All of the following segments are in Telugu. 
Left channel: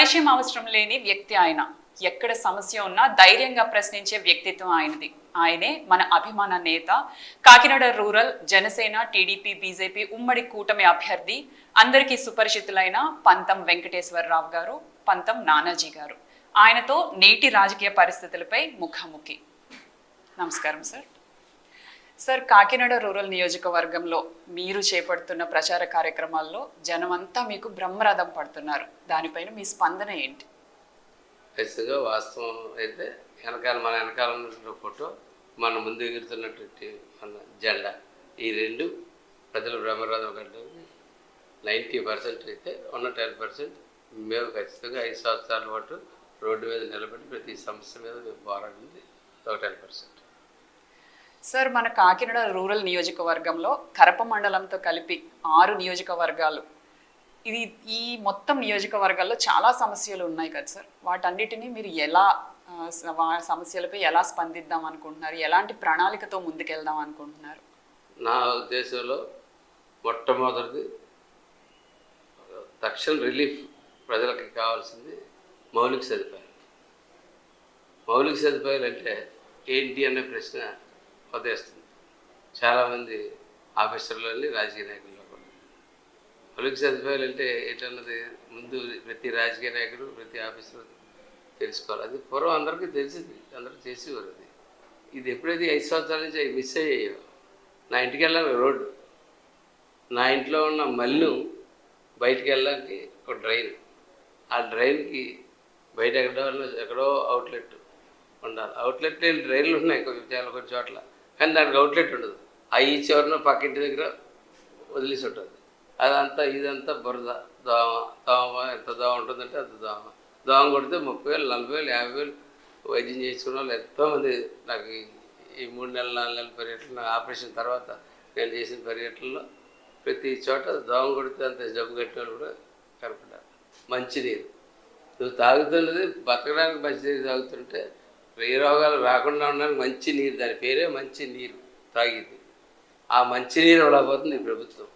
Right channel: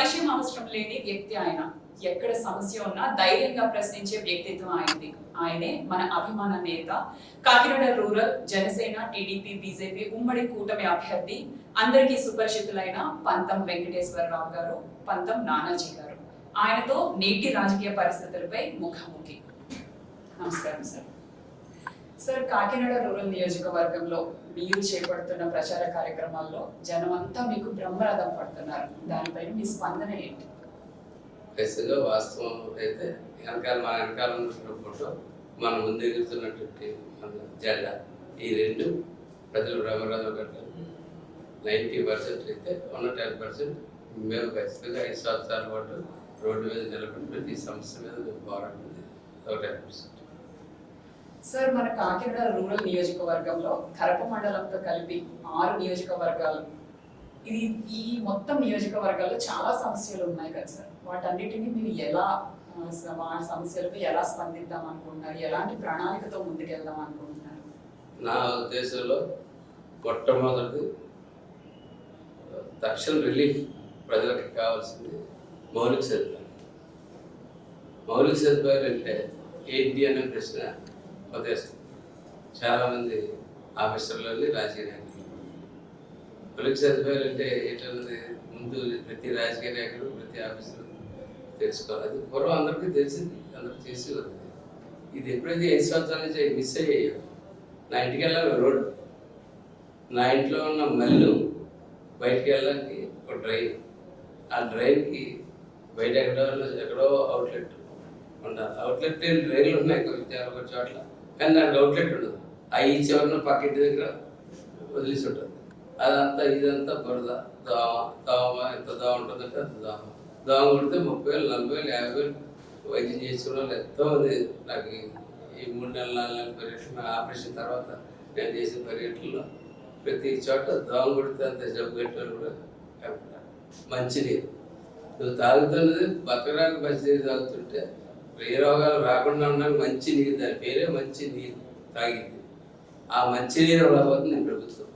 పరిచయం అవసరం లేని వ్యక్తి ఆయన. ఎక్కడ సమస్య ఉన్నా ధైర్యంగా ప్రశ్నించే వ్యక్తిత్వం ఆయనది. ఆయనే మన అభిమాన నేత, Kakinada rural Janasena, TDP, BJP ఉమ్మడి కూటమి అభ్యర్థి, అందరికీ సుపరిచితులైన పంతం వెంకటేశ్వరరావు గారు, పంతం నానాజీ గారు. ఆయనతో నేటి రాజకీయ పరిస్థితులపై ముఖాముఖి. నమస్కారం సార్. సార్, కాకినాడ రూరల్ నియోజకవర్గంలో మీరు చేపడుతున్న ప్రచార కార్యక్రమాల్లో జనమంతా మీకు బ్రహ్మరథం పడుతున్నారు. దానిపైన మీ స్పందన ఏంటి? ఖచ్చితంగా వాస్తవం అయితే మన వెనకాల ఉన్న ఫోటో, మన ముందు ఎగురుతున్నటువంటి మన జెండా, ఈ రెండు ప్రజలు బ్రహ్మరథం కట్టడానికి 90% అయితే ఉన్న 10% మేము ఖచ్చితంగా 5 సంవత్సరాల పాటు రోడ్డు మీద నిలబడి ప్రతి సమస్య మీద మేము పోరాడింది ఒక 10%. సార్, మన కాకినాడ రూరల్ నియోజకవర్గంలో కరప మండలంతో కలిపి 6 నియోజకవర్గాలు. ఈ మొత్తం నియోజకవర్గాల్లో చాలా సమస్యలు ఉన్నాయి కదా సార్. వాటన్నిటినీ మీరు ఎలా సమస్యలపై ఎలా స్పందిద్దాం అనుకుంటున్నారు? ఎలాంటి ప్రణాళికతో ముందుకెళ్దాం అనుకుంటున్నారు? నా ఉద్దేశంలో మొట్టమొదటిది తక్షణ రిలీఫ్ ప్రజలకి కావాల్సింది మౌలిక సదుపాయాలు. మౌలిక సదుపాయాలు అంటే ఏంటి అనే ప్రశ్న ఉదయిస్తుంది చాలామంది ఆఫీసర్లని, రాజకీయ నాయకులు. మౌలిక సదుపాయాలు అంటే ఏంటన్నది ముందు ప్రతి రాజకీయ నాయకుడు, ప్రతి ఆఫీసర్ తెలుసుకోవాలి. అది పూర్వం అందరికీ తెలిసింది, అందరూ చేసేవారు. ఇది ఎప్పుడైతే 5 సంవత్సరాల నుంచి మిస్ అయ్యాయో, నా ఇంటికి వెళ్ళాలి రోడ్డు, నా ఇంట్లో ఉన్న మల్లు బయటికి వెళ్ళడానికి ఒక డ్రైన్, ఆ డ్రైన్కి బయట ఎక్కడో అవుట్లెట్ ఉండాలి. అవుట్లెట్ లేని డ్రైన్లు ఉన్నాయి కొన్ని చోట్ల, కానీ దానికి అవుట్లెట్ ఉండదు. ఈ చివరిన పక్కింటి దగ్గర వదిలేసి ఉంటుంది. అదంతా ఇదంతా బురద, దోమ ఎంత దోమ ఉంటుందంటే అంత దోమ కొడితే 30,000, 40,000, 50,000 వైద్యం చేసుకున్న వాళ్ళు ఎంతోమంది. నాకు ఈ 3 నెలల 4 నెలల పర్యటన ఆపరేషన్ తర్వాత నేను చేసిన పర్యటనలో ప్రతి చోట దోమ కొడితే అంత జబ్బు కట్టేవాళ్ళు కూడా కనపడ్డారు. మంచినీరు నువ్వు తాగుతున్నది బతకడానికి మంచినీరు తాగుతుంటే ఏ రోగాలు రాకుండా ఉండడానికి మంచి నీరు, దాని పేరే మంచి నీరు తాగింది. ఆ మంచి నీరు ఇవ్వలేకపోతుంది ఈ ప్రభుత్వం.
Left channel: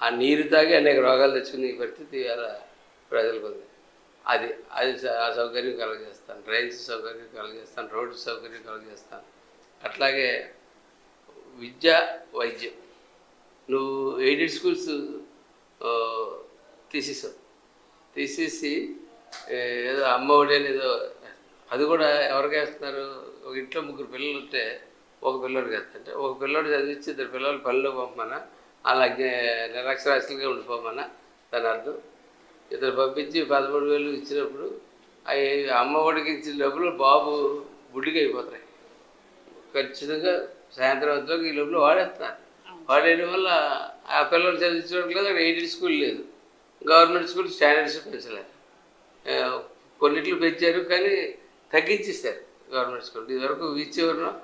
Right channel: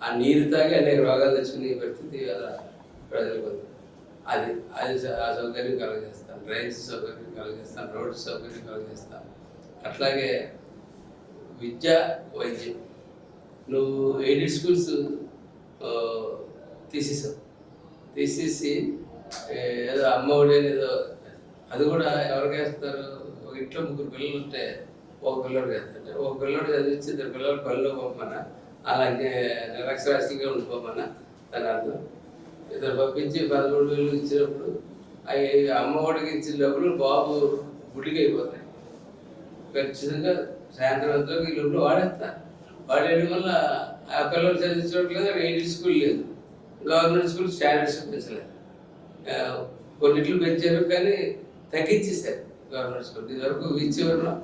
ఆ నీరు తాగి అనేక రోగాలు తెచ్చుకునే పరిస్థితి అలా ప్రజలకు ఉంది. అది ఆ సౌకర్యం కలగజేస్తాను, డ్రైన్స్ సౌకర్యం కలగజేస్తాను, రోడ్డు సౌకర్యం కలగజేస్తాను. అట్లాగే విద్య, వైద్యం. నువ్వు ఎయిడెడ్ స్కూల్స్ తీసేసి ఏదో అమ్మఒడి అనేదో, అది కూడా ఎవరికి వేస్తారు? ఒక ఇంట్లో 3 పిల్లలు ఉంటే ఒక పిల్లడికి వేస్తుంటే, ఒక పిల్లడు చదివించి 2 పిల్లలు పనులు పంపమన్నా, అలాగే నిరక్షరాస్యులుగా ఉండిపోమన్నా దాని అర్థం. ఇద్దరు పంపించి 13,000 ఇచ్చినప్పుడు అవి అమ్మఒడికి ఇచ్చిన లోపల బాబు గుడ్డికి అయిపోతాయి. ఖచ్చితంగా సాయంత్రం వరకు ఈ లోపల వాడేస్తారు. వాడేయడం వల్ల ఆ పిల్లలు చదివించట్లేదు. అక్కడ ఎయిడెడ్ స్కూల్ లేదు, గవర్నమెంట్ స్కూల్ స్టాండర్డ్స్ పెంచలేదు. కొన్నిట్లు పెంచారు కానీ తగ్గించేస్తారు గవర్నమెంట్ స్కూల్. ఇదివరకు విచ్చివరం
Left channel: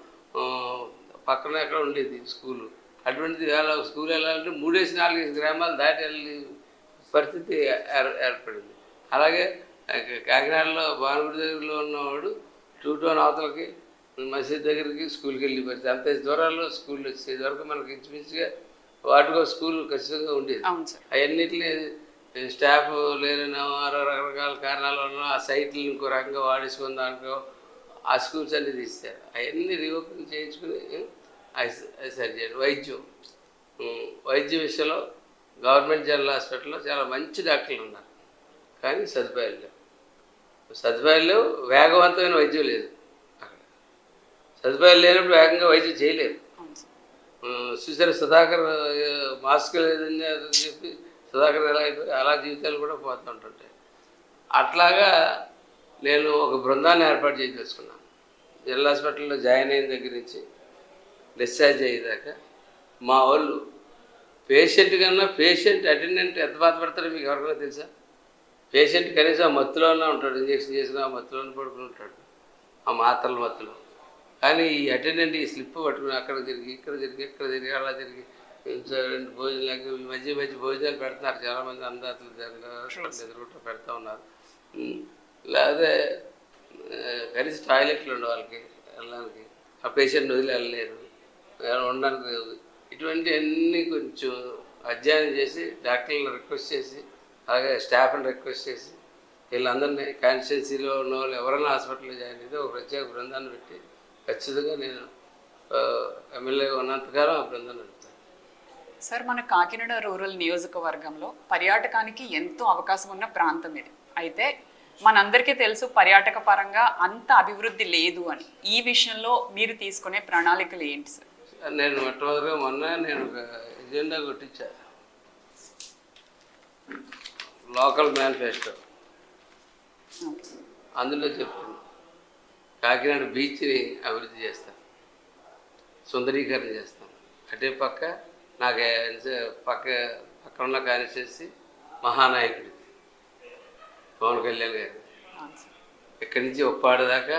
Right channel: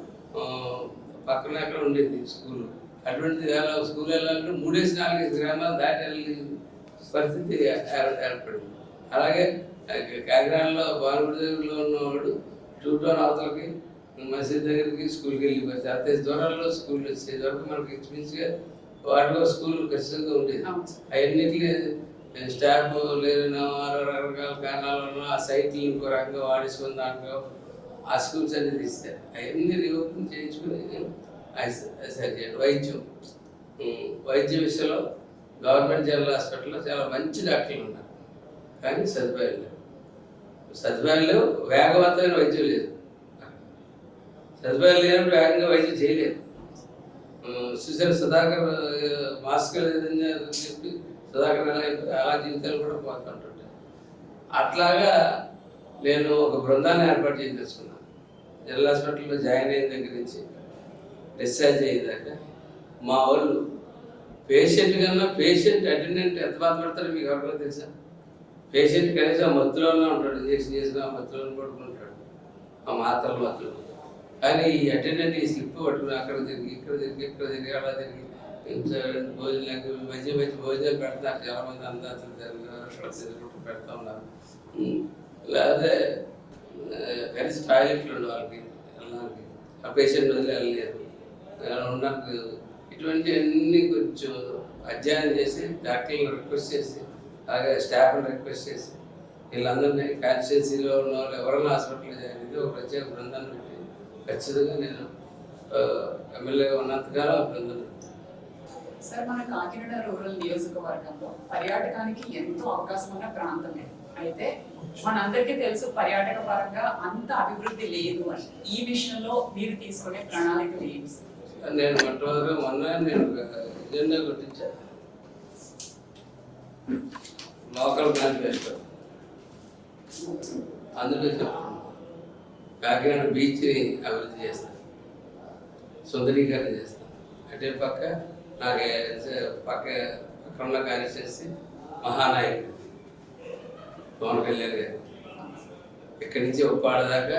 పక్కన ఎక్కడ ఉండేది స్కూలు. అటువంటిది స్కూల్ వెళ్ళాలంటే 3-4 గ్రామాలు దాటి వెళ్ళే పరిస్థితి ఏర్పడింది. అలాగే కాకినాడలో బాలగుడి దగ్గరలో ఉన్నవాడు 2 టౌన్ అవతలకి మసీద్ దగ్గరికి స్కూల్కి వెళ్ళి పరిస్థితి. అంతే దూరాల్లో స్కూల్ వచ్చేది వరకు మనకి ఇంచుమించుగా వాటిలో స్కూల్ ఖచ్చితంగా ఉండేది. అవన్నిటి స్టాఫ్ లేదనో రకరకాల కారణాల వల్ల ఆ సైట్లు ఇంకో రకంగా వాడేసుకుని దాంట్లో ఆ స్కూల్స్ అన్నీ తీస్తారు. అవన్నీ రీఓపెన్ చేయించుకుని సరి చేయండి. వైద్యం విషయంలో గవర్నమెంట్ జనరల్ హాస్పిటల్లో చాలా మంచి డాక్టర్లు ఉన్నారు, కానీ సదుపాయాలు లేవు. వేగవంతమైన వైద్యం లేదు. సదుపాయాలు లేనప్పుడు వేగంగా వైద్యం చేయలేదు. చూసారు సుధాకర్ మాస్క్ లేదని చెప్పి సుధాకర్ ఎలా అయిపోయి అలా జీవితాలు కూడా పోతుంటుంటాయి. అట్లాగా నేను ఒక బృందాన్ని ఏర్పాటు చేసి తెలుసుకున్నాను. జనరల్ హాస్పిటల్లో జాయిన్ అయిన దగ్గర నుంచి డిశ్చార్జ్ అయ్యేదాకా మా వాళ్ళు పేషెంట్ కన్నా పేషెంట్ అటెండెంట్ ఎంత బాధపడతారో మీకు ఎవరికైనా తెలుసా? పేషెంట్ కనీసం మత్తులోనే ఉంటాడు, ఇంజక్షన్ చేసిన ఆ మత్తులోనే పడుకుని ఉంటాడు, ఆ మాత్రల మత్తులో. కానీ ఈ అటెండెంట్ ఈ స్లిప్ పట్టుకుని అక్కడ తిరిగి ఇక్కడ తిరిగి అలా తిరిగి భోజనాలకు మధ్య భోజనాలు పెడతారు. చాలామంది అందాజులు పెడతా ఉన్నారు. లేకపోతే కనీసం టాయిలెట్లు ఉండే వాళ్ళకి వెళ్ళడానికి, ఆ పేషెంట్ వదిలి వెళ్ళలేరు, ఉండడానికి. ఇటువంటి అన్నీ కొంచెం అధ్యయనం చేసి డాక్టర్లను రిక్వెస్ట్ చేసి, అలాగే స్టాఫ్ని రిక్వెస్ట్ చేసి వీళ్ళందరినీ కాన్స్టిట్యున్సీలో ఉన్న వాళ్ళు ఎవరైనా హాస్పిటల్లో జాయిన్ అయితే ఒక ప్రత్యేక బృందాన్ని పెట్టి ఖచ్చితంగా నేను ఎమ్మెల్యేగా ఉన్నంతకాలం ఆ బృందాన్ని. సార్, మన కాకినాడ రూరల్ నియోజకవర్గంలో పర్యాటకానికి ఎంతో అవకాశం ఉన్న ప్రాంతం ఇది. అయితే మనందరికీ తెలుసు పర్యాటక పరంగా అంత అభివృద్ధి లేదు అని. ఈ విషయంలో మీరు తీసుకునే ప్రణాళికలు ఏంటి సార్? నేను మొన్న నేను ఒక ఎజెండా కొట్టించా, లోకల్ మేనిఫెస్టో. అందులో చెప్తున్నాను కాకినాడ బీచ్ని అభివృద్ధి చేస్తాను, సుందరీకరణ చేస్తాను. అంటే పక్క నాకు పక్కన కానిచేసి మహానాయకుడు పవన్ కళ్యాణ్ గారు ఇక్కడి నుంచి ఉప్పాడ దాకా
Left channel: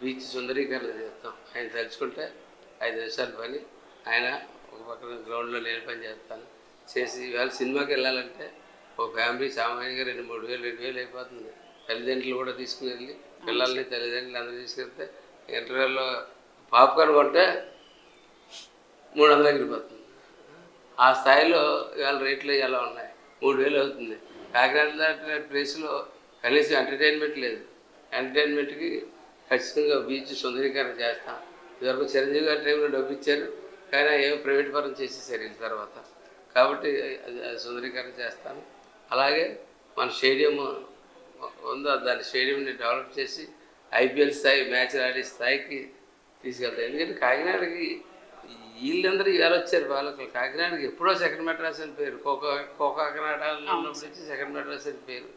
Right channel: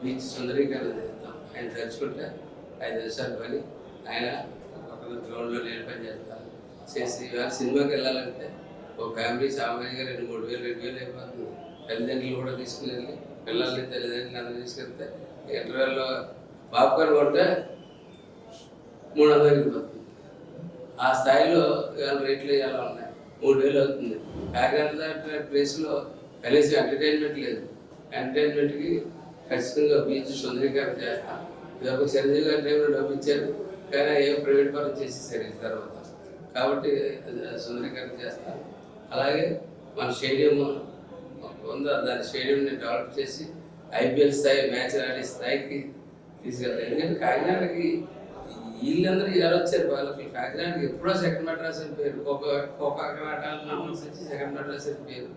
బీచ్ సుందరీకరణ చేస్తాం. ఆయన తలుచుకుంటే 5 నిమిషాలు పని, ఆయన పక్కన గ్రౌండ్లో నేను పని చేస్తాను చేసి. ఇవాళ సినిమాకి వెళ్ళాలంటే ఒక ఫ్యామిలీ సామాన్యంగా 2,000 అయిపోతుంది. తల్లిదండ్రులు కూడా తీసుకుని వెళ్ళి పిల్లల్ని తల్లిదండ్రులు అందరూ తీసుకెళ్తే ఇంటర్వెల్లో పాప్కార్న్ కొంటే 300 వెళ్ళిపోతుంది. ఆ స్థాయిలో ఇవాళ రేట్లు ఎలా ఉన్నాయి, 3,000 అవుతుంది. కాకినాడ లాంటి ప్లేస్లో కనీసం ఎంటర్టైన్మెంట్ లేదు. ఎంటర్టైన్మెంట్కి ఖచ్చితంగా బీచ్ సుందరీకరణ చేస్తాం. ఇదివరకు చిరంజీవి గారి టైంలో డబ్బు ఇచ్చారు, కానీ ఏం ప్రైవేట్ పరం చేసేసారు తర్వాత. కాబట్టి సుందరీకరణ చేస్తాను. అలాగే మన స్టేడియం ఉందో దాని స్టేడియంని డెవలప్ చేసి ఐపీఎల్ స్థాయి మ్యాచ్ ఆడే స్థాయికి తీసుకెళ్తాను. ఎందుకంటే కాకినాడకి వీళ్ళందరూ ఇవాళ వచ్చారు. వాళ్ళకి కాకినాడకి ఎప్పుడో సెకండ్ మెడ్రాస్ అని పేరు, కాకినాడ వచ్చి సెకండ్ మెడ్రాస్ అని పేరు.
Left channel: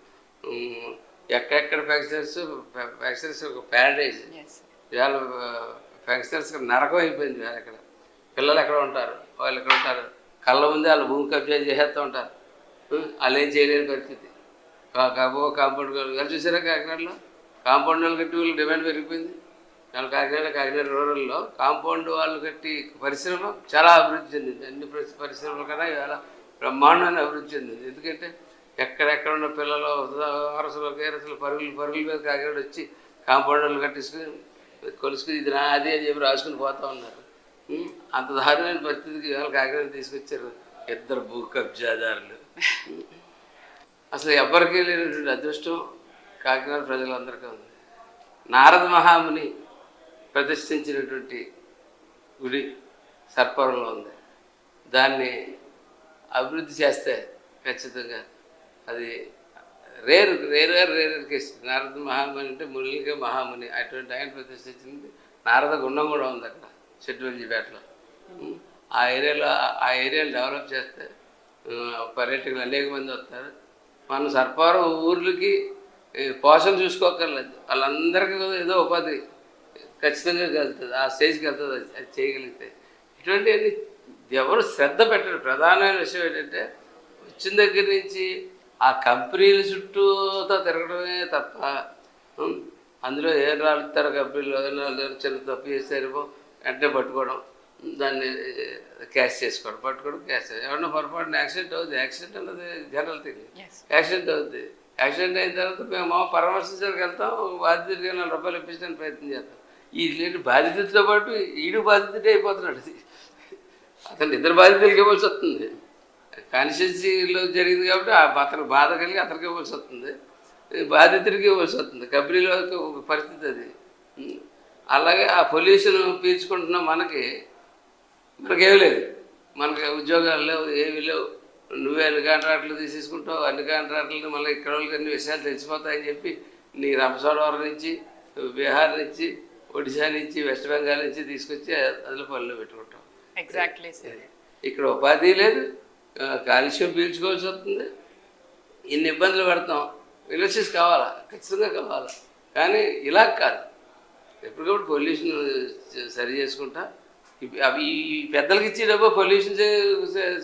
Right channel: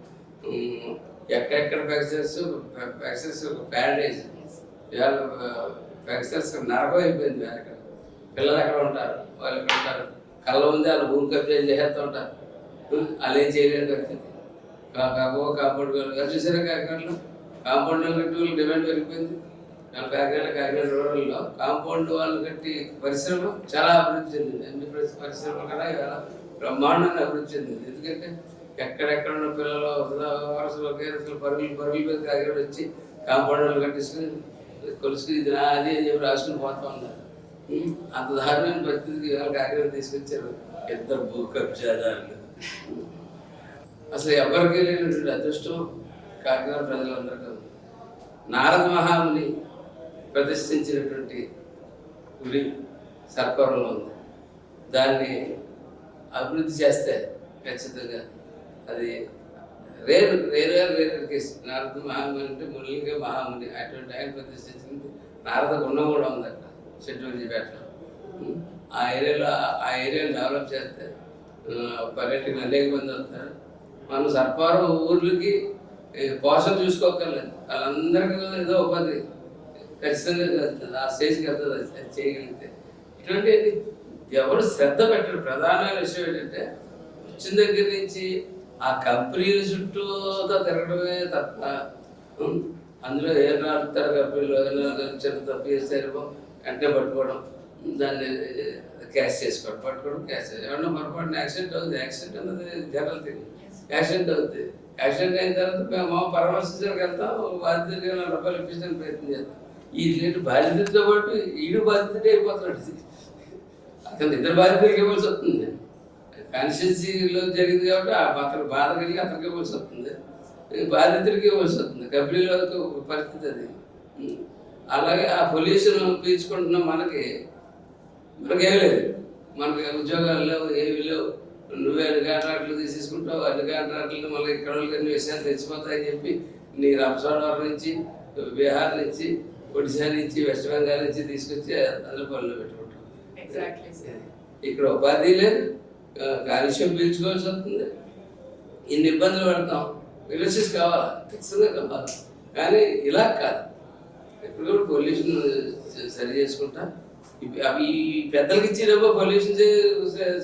ఎక్కడెక్కడ ఫ్యాక్టరీస్ ఒక ప్యారడైజ్. ఇవాళ ఫ్యాక్టరీస్ నరకం అయిపోయింది. ఇక్కడ పిల్లలు ఎక్కడ ఉంటారు, వాళ్ళు ఎక్కడ ఉంటారు, కళ్ళ ముందే వాళ్ళు భూమి కబ్జా చేసేస్తూ ఉంటారు. వాళ్ళు ఏం చేయలేని పరిస్థితి. కాంపౌండ్ గారు చూసారా కాకినాడలో కాంపౌండ్ వాళ్ళు కట్టి వాళ్ళు డిమాండ్ పెరిగిపోయింది. వాళ్ళు కాకినాడ రూరల్లో కాంపౌండ్ వాళ్ళు కట్టి పరిశ్రమ చాలా అభివృద్ధి చెందింది. అన్ని పరిశ్రమలు కన్నా ఇవాళ బ్రహ్మాండమైన అభివృద్ధి చెందింది. ఎందుకంటే ఎక్కడెక్కడ ఉన్న పిల్లలు వరసలు పరుగుల మీద కాకినాడ వచ్చి కాంపౌండ్ వాళ్ళు కట్టించుకుని కొలుసుకుని ఇది నాది అని చెప్పి రాసుకుని పోతూ ఉన్నారు. అంత దారుణమైన పరిస్థితికి ఇవాళ కాకినాడ తీసుకొచ్చారు 2 భూ కబ్జాదారులు. అసలు ఎవరికి లేనటువంటి అదృష్టం కాకినాడ ప్రజలందరికీ ఉంది. నారద మహాముని ప్రతిష్ఠించినటువంటి గుడి సర్పవరంలో ఉంది. దాన్ని అభివృద్ధి చేస్తే ఖచ్చితంగా అది రేరు కేసు. నారద మహాముని అంటే మునిగా మహాముని, అటువంటి ఆయన ప్రతిష్ఠించింది. నారద గుండం కూడా ఉంది అక్కడ చెట్టుపేటలో. ఆ ఏరియాలో డెవలప్ చేస్తే పర్యాటకులు అనేక మంది వస్తారు. మన సర్పవరం ఊర్లకి పోషణ చూసుకోక్కర్లేదు, వాళ్ళందరికీ ఏదో ఉపాధి ఖచ్చితంగా కలుగుతుంది. ఆ స్టేజ్కి వెళ్తుంది అది చేయగలిగితే. ఇటువంటి ఎవరు శ్రద్ధ పెట్టరు. ప్రధానమైన విషయం ఏంటంటే వచ్చిన దగ్గర నుంచి ఆ కంపెనీల చుట్టూతో తిరగడమే తప్ప అందులో ఏం రాలుతారు కంపెనీలు చిన్న తప్పు చేస్తారేమో వెంటనే పట్టుకోవడం, దాన్ని క్యాష్ చేసుకోవడం, క్యాష్ ఏమన్నా పొరపాటున యాక్సిడెంట్ అవుతుంది. యాక్సిడెంట్ అన్నది జనరల్ థింగ్. యాక్సిడెంట్ అవుతుంది. యాక్సిడెంట్ అయిన తర్వాత మేము పరామర్శించడానికి వెళ్తాం, బాధితుడికి 4 రూపాయలు ఇప్పించడానికి ప్రయత్నం చేస్తాం. ఈ బాధితుడితో పాటు ఈడు బాధితుడే అయిపోతున్నాడు. అతను 2 బాధితులకి ఇవ్వాల్సి వస్తుంది. కాన్స్టిట్యున్సీలో జరిగింది కాబట్టి అతను బాధ కలిగి అతనికి ఇవ్వాల్సి వస్తుంది, బాధితుడికి ఇవ్వాల్సి వస్తుంది. కంపెనీలో ఒక పరిస్థితి అది. అలాగే ఆ పొల్యూషన్ పీల్చుకుంటున్న మనకేమీ లేదు, మనకి ఉద్యోగాలు లేవు, ఏమీ లేవు. నువ్వే అన్ని కాంట్రాక్టులు తీసేసుకుంటావు, అన్ని కాంట్రాక్టులు మళ్ళీ ఇక్కడ వాళ్ళకి అన్ని విషయాలు తెలిసిపోతాయని చెప్పి నీ రంపచోడవరం నుంచి, బీహార్ నుంచి, ఒడిశా నుంచి, వెస్ట్ బెంగాల్ నుంచి తీసుకొచ్చి అదిలో పనులు పెట్టుకుంటాం. ఎగ్జాక్ట్లీ. ఇక్కడ ఉపాధి లేదు, కాలుష్యం పీల్చుకోవాల్సి వస్తుంది, ఇన్ని ఇబ్బందులు పడతాం. ఇండస్ట్రీస్ కావాలా, ఖచ్చితంగా కావాలి. కానీ ఇలా కాదు. ఇప్పుడు కూడా పొల్యూషన్ సరి చేసుకుంటా అవి పెద్దలకి ఇచ్చే డబ్బు పొల్యూషన్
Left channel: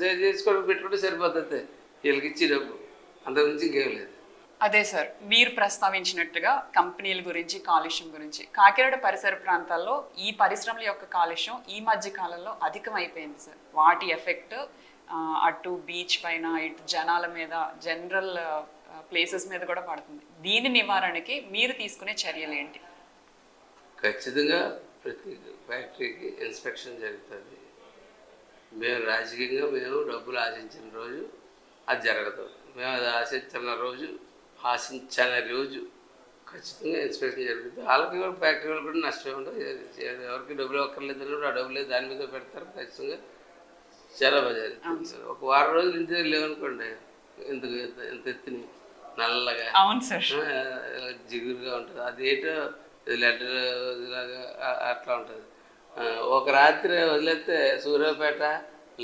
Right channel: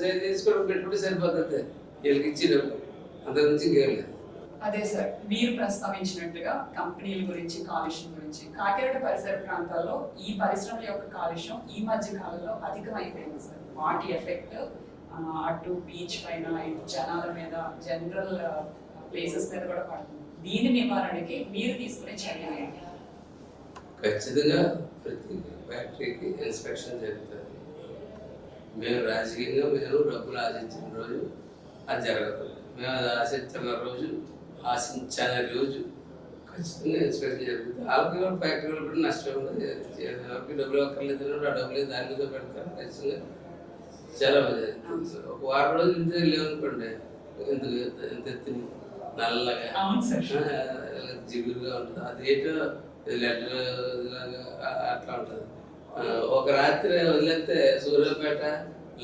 సరి చేసుకోవడం పెట్టుకుంటే సరిపోతుంది. వీళ్ళకి ఇచ్చే డబ్బు అంతకుమించి ఇంకేం లేదు. అదే సార్, మీరు ప్రస్తావించినట్టుగా కంపెనీల గురించి, కాలుష్యం గురించి, కాకినాడ పరిసర ప్రాంతాల్లో ఈ పరిశ్రమల యొక్క కాలుష్యం ఈ మధ్య కాలంలో అధికమైపోయింది సార్. వాటి ఎఫెక్ట్ అటు బీచ్ పైన, ఇటు జనాల మీద, జనరల్ ప్లేసెస్ మీద కూడా పడుతుంది. దీని నివారణకి మీరు తీసుకునే చర్యలు ఏంటి? ఖచ్చితంగా ప్రతి ఫ్యాక్టరీకి ఇన్స్పెక్షన్ జరుగుతుంది. మేము రాజకీయంగా డబ్బులు ఆశించిన రోజు అది జరగదు. మేము అది ఆశించిన రోజు ఆశించాలనే రోజు ఖచ్చితంగా ఇన్స్పెక్షన్ జరుగుతుంది. వాళ్ళకి కూడా ఫ్యాక్టరీ వాళ్ళు కూడా నష్టం ఉండదు. ఎవరికి డబ్బులు అక్కర్లేదు కూడా ఆ డబ్బులు దాని మీద పెడతారు. ఖచ్చితంగా చాలా బాగా ఒక వారం రోజులు ఇంటి లేవనుకోండి, ఎందుకు ఎంత ఎత్తుని నల్లగా అవును సార్, జిగురుగా ఉంటుంది. అదేటో లెటర్ ఇలాగా అట్లా ఉంటుంది. ఒక రాత్రి వదిలేస్తే సూర్యాపేట,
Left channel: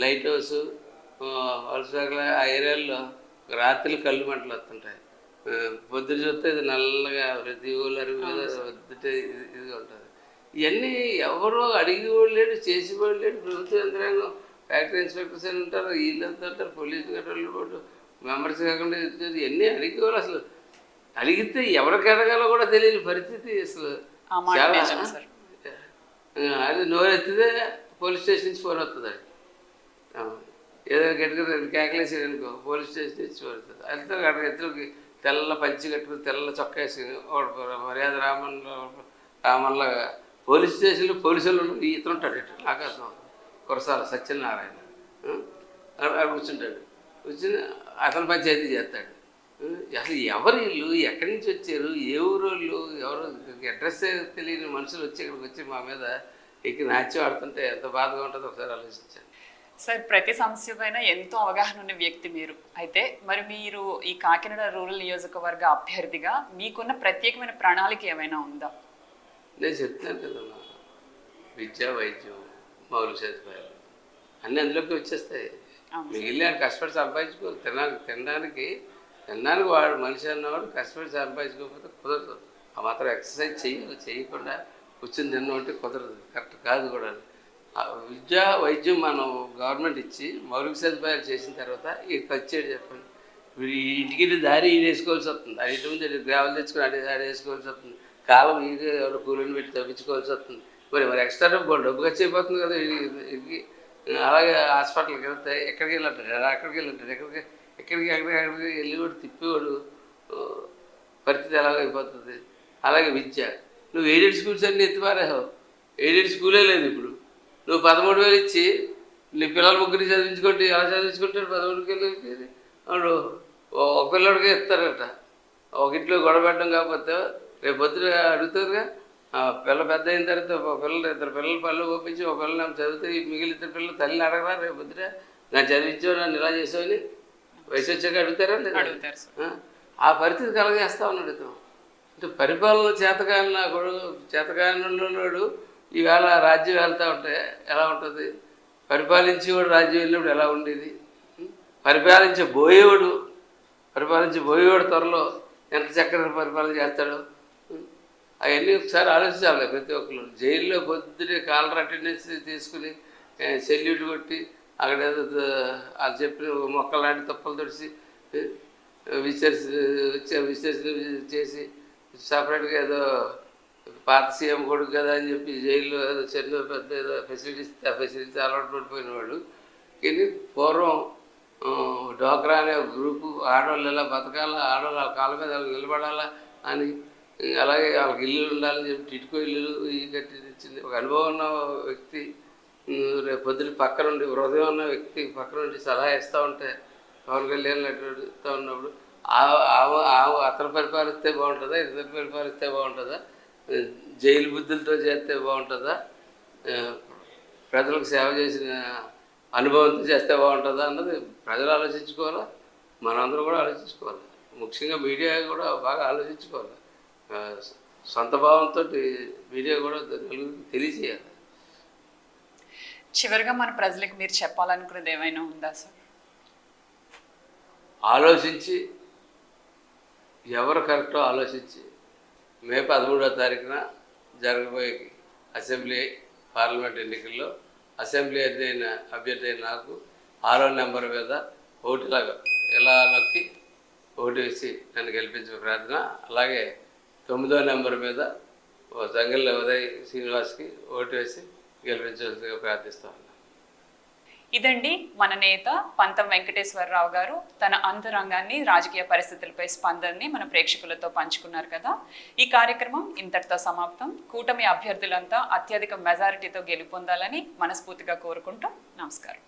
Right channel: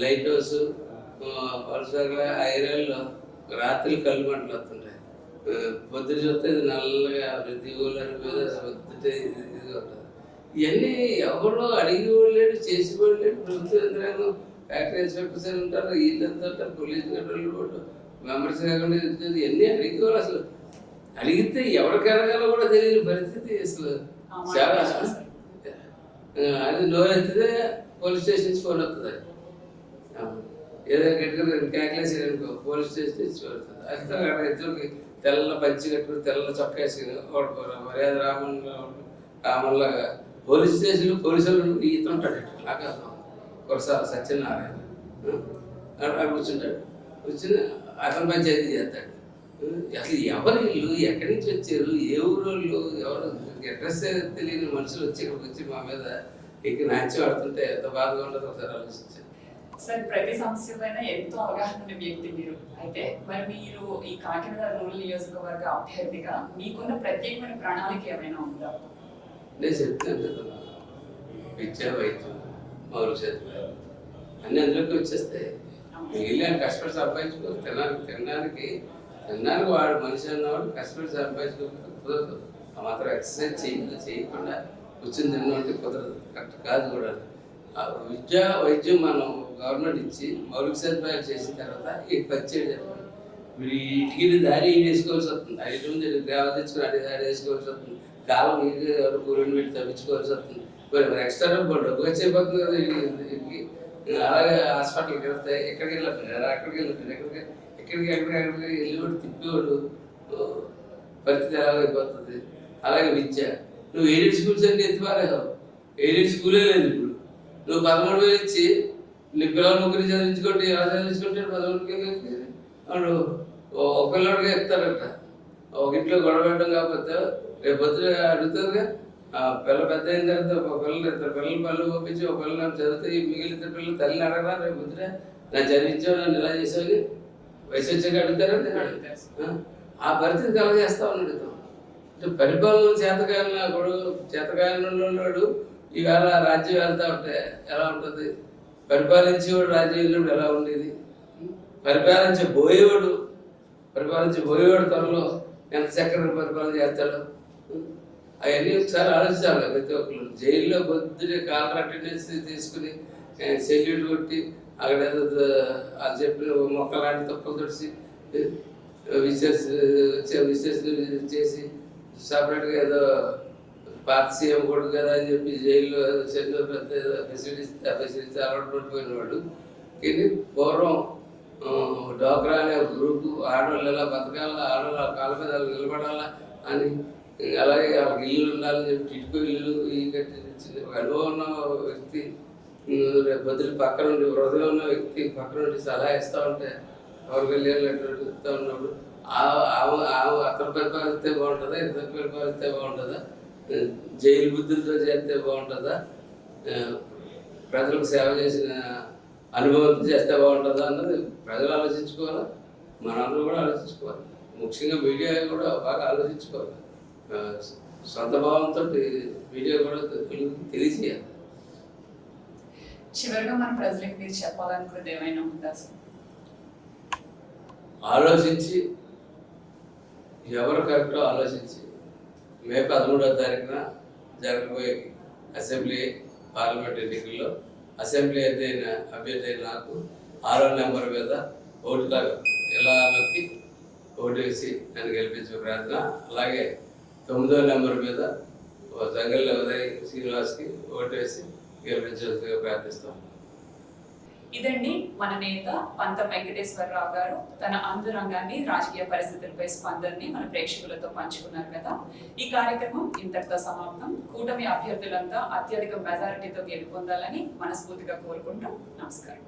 లైట్ హౌస్, వలసగల ఆ ఏరియాల్లో రాత్రులు కళ్ళు మంటలు వస్తుంటాయి. పొద్దున చూస్తే ఇది నల్లగా ప్రతి ఊళ్ళ మీద వద్దుటే ఇదిగా ఉంటుంది. ఇవన్నీ ఎవరు అడిగి లేడు, చేసి లేడు. ప్రభుత్వ యంత్రాంగం, ఫ్యాక్టరీ ఇన్స్పెక్టర్స్ అని ఉంటారు, వీళ్ళంతా ఉంటారు, పోలీసు కంట్రోల్ మెంబర్స్ కాకుండా ఇవన్నీ అడిగేవాళ్ళు. అసలు అడిగితే ఎవరికి అడగాలో కూడా తెలియని పరిస్థితి. అసలు చాలా అది నోరు ఎత్తితే పోలీస్ స్టేషన్ నుంచి ఫోన్ వస్తుంది. ఏదో గట్టిగా క్యాకులేసాడు అనుకో, పోలీస్ స్టేషన్ నుంచి ఫోన్ వస్తుంది. అయితే అక్కడ ఎత్తులకి తెల్ల పంచి కట్టుకుని తెల్ల చొక్కా వేసుకుని మర్యాద రామల్లా పోలీస్ స్టేషన్లో పోలీసులు ఇతరుంటాడు. నాకు అర్థం కురసాల సత్యనారాయణ అక్కడ కూర్చుంటాడు. కూర్చుని అతను పంచాయతీ చేస్తాడు. అసలు ఎవరు వీళ్ళు, ఎక్కడి నుంచి వచ్చారు, ఏ ఊరోళ్ళు, ఎవరు అడ్రస్ తెలియని మనుషులు వచ్చి ఇక్కడికి వచ్చి మా మీద ఎక్కి నాచి ఆడుతుంటే ఎంత బాధగా ఉంటుందో ఒకసారి ఆలోచించాను. సార్, ప్రతి సమస్య పైన ఎంతో అవగాహన ఉన్న వ్యక్తి మీరు. అయితే మరి మీరు ఈ కాకినాడ రూరల్ నియోజకవర్గ అభ్యర్థిగా మీకున్న ప్రత్యేకమైన ప్రణాళిక ఏమైనా ఉందా? నేను చెప్తాను కదా, విద్య, వైద్యం, మౌలిక సదుపాయాలు అన్నీ అందులోకి వచ్చేస్తాయి. మిగిలిన కష్టపడి సంపాదించుకోవాలి. తినడానికి వాడు మనిషి అన్నవాడు కష్టపడి సంపాదించుకోకపోతే కుదరదు. ఆ మాత్రం ఎక్సర్సైజ్ చేయకుండా కూర్చొని తినడం అంటే కుదరదు, కరెక్ట్ కాదు కూడా. విద్య, వైద్యం మనం గవర్నమెంట్ ఇచ్చి మౌలిక సదుపాయాలు చేసిన తర్వాత ఈ ఖర్చు చెప్పండి. వీడు ఇంటికి దారి వేసుకోవాల్సి వస్తుంది. ఐదు ముందు గ్రావెల్ తెచ్చుకొని దారి వేసుకోవాల్సి వస్తుంది. కాలం ఎవరు కూరని వీటి తవ్వించుకోవాల్సి వస్తుంది. మరి ఎక్స్ట్రా డబ్బు ఖర్చు అయిపోతుంది కదా వీటికి. అలాగే హాస్పిటల్కి వెళ్తే ఎక్కడికి వెళ్ళట్లేదు, అక్కడికి వెళ్ళట్లేదు, ఎక్కడికి వెళ్ళేవాడు తిప్పేవాడు పరిస్థితి ఎలాగైపోతుంది. అలాగే విద్య, నువ్వు ఎయిడెడ్ స్కూల్స్ అన్నీ ఎత్తిపారేసావు. ఎయిడెడ్ స్కూలే లేదు ఇప్పుడు. నువ్వు 13,000 ఇచ్చి నీ పిల్లలు ముగ్గురిని చదివించుకుంటే ఎలా చదివించుకుంటాడు? 13,000 వాడు ఒక పిల్లడికే ఇస్తారట. ఒక ఇంట్లో గొడవ పెట్టడం కాకపోతే రేపు పొద్దున అడుగుతారుగా. పిల్ల పెద్ద అయిన తర్వాత ఒక పిల్లలు 2 పిల్లలు పళ్ళు పంపించి ఒక పిల్లలు చదివితే మిగిలిన 2 పిల్లలు తల్లిని అడగరా రేపు పొద్దున నన్ను చదివించావు, నన్ను ఇలా చేసావని వయసు వచ్చాక అడుగుతారా? ఆ పరిస్థితి కలగజేస్తా ఉన్నాడు. పరిపాలన చేతకానున్నాడు. ఈవేళ రాజ్యం వెళ్తా ఉంటే ఎలా ఉంటుంది? పరిపాలించి కూడా రాజ్యం వెళ్ళినప్పుడు ఎలా ఉండేది? పరిపాలించబోయేవాడు త్వరలో ఎంత చక్కగా పరిపాలన చేస్తాడో అవన్నీ ఒకసారి ఆలోచించాలి ప్రతి ఒక్కరు. జైల్లో పొద్దునే కాలర్ అటెండెన్స్ తీసుకుని సెల్యూట్ కొట్టి అక్కడ వాళ్ళు చెప్పిన మొక్కలు లాంటి తప్పులు తుడిచి విశ్లేషణ చేసి సపరేట్గా ఏదో పాత సీఎం కొడుకు కదా అని చెప్పి జైల్లో చిన్న పెద్ద ఏదో ఫెసిలిటీస్ అలవాటు పడిపోయినవాడు. కానీ పూర్వం డోక్రా అనే గ్రూపు ఆడవాళ్ళు ఎలా బతకాలా, ఆడవాళ్ళు కాళ్ళ మీద నిలబడాలా అని, అలాగే వాళ్ళకి ఇల్లు ఉండాలని చెప్పి టిట్కో ఇల్లు కట్టించింది. ఒక అనుభవం ఉన్న వ్యక్తి రేపు పొద్దున పక్క నుండి, హృదయం ఉన్న వ్యక్తి పక్క నుండి సలహా ఇస్తూ ఉంటే పవన్ కళ్యాణ్ ఇస్తూ ఉన్నప్పుడు అతను పరిపాలిస్తే బాగుంటుందా, ఇతను పరిపాలిస్తే బాగుంటుందా, జైలు బుద్ధులతో చేస్తే బాగుంటుందా, ప్రజలకు సేవ చేసిన అనుభవంతో చేస్తే బాగుంటుందా అన్నది ప్రజలు ఆలోచించుకోవాలి, మనందరూ కూడా ఆలోచించుకోవాలి. ముఖ్యంగా మీడియా కూడా బాగా ఆలోచించుకోవాలి. సొంత భావంతో మీడియా కూడా తెలియజేయాలి. చివరిగా మన ప్రజలకు మీరు చెప్పాలనుకునేది ఏమైనా ఉందా సార్? ఆలోచించి ఎవరు కరెక్టో ఆలోచించి మే 13వ తారీఖున జరగబోయే అసెంబ్లీ పార్లమెంట్ ఎన్నికల్లో అసెంబ్లీ అభ్యర్థి అయిన నాకు 6వ నెంబర్ మీద ఓటులాగా ఎలా నొక్కి ఓటు వేసి నన్ను గెలిపించే ప్రార్థన. అలాగే 9వ నెంబర్ మీద జంగల్ ఉదయ్ శ్రీనివాస్కి ఓటు వేసి గెలిపించాల్సిందిగా ప్రార్థిస్తాను. ఇదండి మన నేత పంతం వెంకటేశ్వరరావు గారు తన అంతరంగాన్ని, రాజకీయ పరిస్థితులపై స్పందనని మన ప్రేక్షకులతో పంచుకున్నారు కదా. ఈ కార్యక్రమం ఇంతటితో సమాప్తం. కూటమి అభ్యర్థులంతా అత్యధిక మెజారిటీతో గెలుపొందాలని మనస్ఫూర్తిగా కోరుకుంటూ నమస్కారం.